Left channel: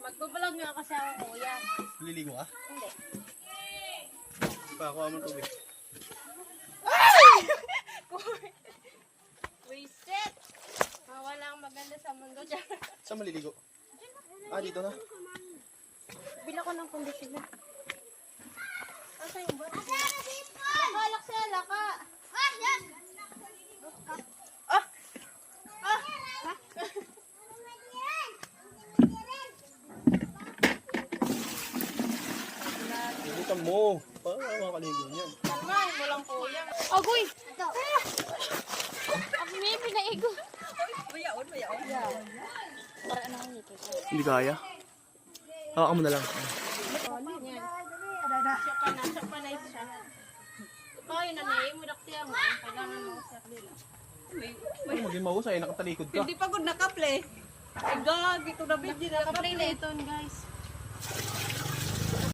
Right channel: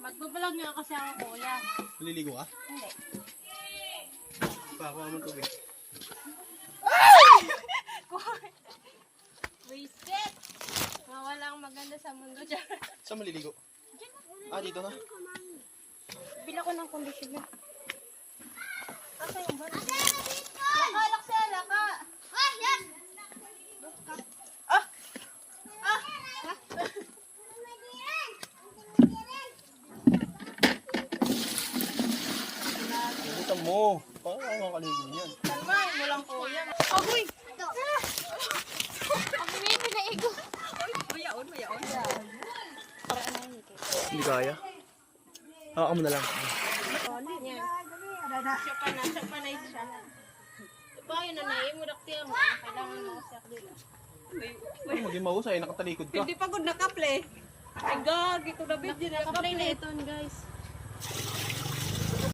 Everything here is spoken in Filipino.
Magbablog nga kasi ako, kuya. Liligo ka? Hindi. Pakuha mo ng tubig. Wisit! Walang maganda sa mundo dyan. Saan maliligo? Ah, dito na. Bila ko ng conditioner. Asa yung ba? Laka, laksa, laka! Ah! Ah! Libutan mo. Paano makakaligo niyan? Kalmahin mo lang, kuya. Agoy! Ang hindi na igo. Mayaon. Para ano yun ito? Hindi kaya. Hawakan mo na lang. Yan. Siya pa na siya. Pa, yun na na mo daktiya mo. Kailangan mo siya dila. Ano maging mahusay? Nakatalikod ka. Hindi pagod nakaple. Ay gag, ito na bit. Nakaplay na ito, guys.